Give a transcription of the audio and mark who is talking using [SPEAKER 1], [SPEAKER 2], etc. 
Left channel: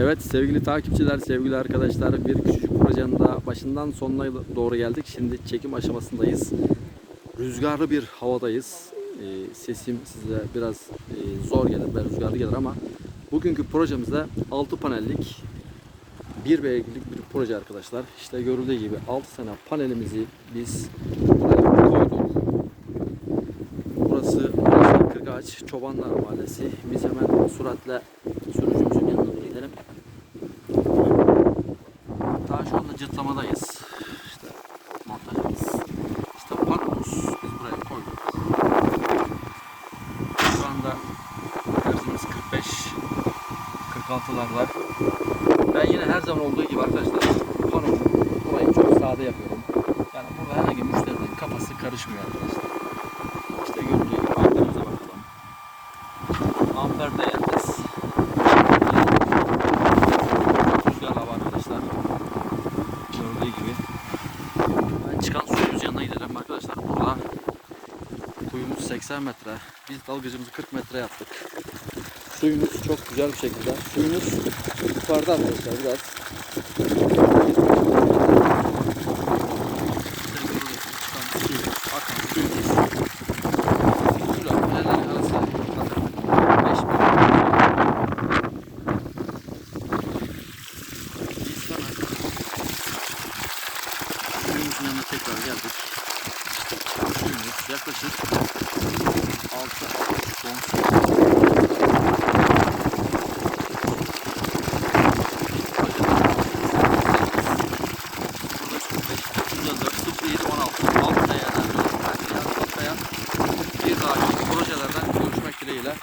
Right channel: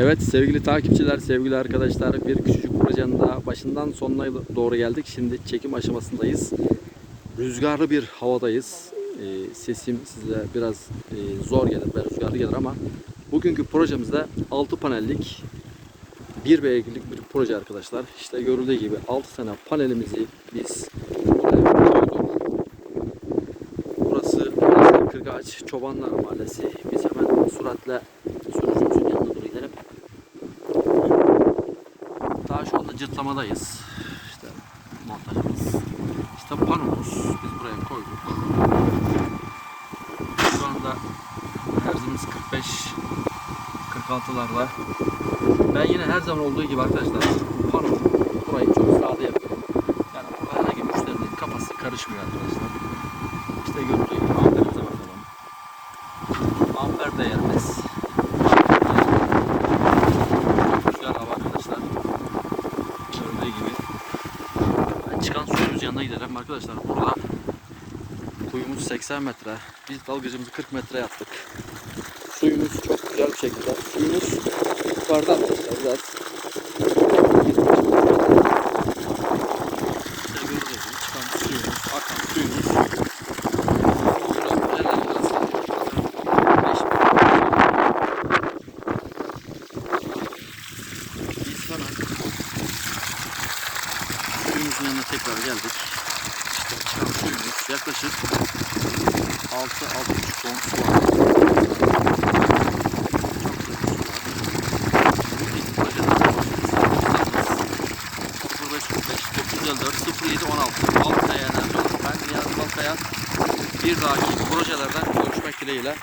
[SPEAKER 1] Evet sevgili takipçiler, sevgili arkadaşlar bir küçücük projenin daha başından sonuna doğru geldik. Şimdi çekim aşamasındayız. Rüzgarlı bir havadayız. Ee, sesim size biraz e, zor gelir ve rüzgarlı gelir ama bugünkü projemizde 6 panellik bir beygirlik bir proje arkadaşlar. İşte görüldüğü gibi 6 tane panelimizi biz buraya. Burası Kırgaç Çobanlar Mahallesi. Biz hemen süratle sürücümüzün doğru gidelim. Daha şu anda cırtlamadayız. İşte montajımız. İşte panomuz biz buraya koyduk. Şu anda hırzımız 45 46'larda. Ben yine her zaman olduğu gibi arkadaşlar panomu burayı çok sade yapıyorum. Yani burada herhangi müşterinin kafası karışmıyor arkadaşlar. İşte görüldüğü gibi amperimize bakalım. Amper değerimiz. Rüzgar hava arkadaşlar. Görüldüğü gibi. Ben çıkan suyumuz yanına gidelim arkadaşlar. Burada kuyumuz 80 metre. Biz dalgıcımızı 40 metre yaptık. Suyumuz çok güzel bir şekilde. Suyumuz yukarıda arkadaşlar biraz. İşte görüldüğü gibi çıkan suyumuz, akan suyumuz. Şurada neler biraz sanırım 5 Biz hemen suyumuzun yanına tekrar geldik. İşte çıkan suyumuz yaklaşık 6-6,5 ton su. Projede 05 454 07 16 alt değerler Ben Niyazi Balkaya bir dahaki projelerden görüşmek dileğiyle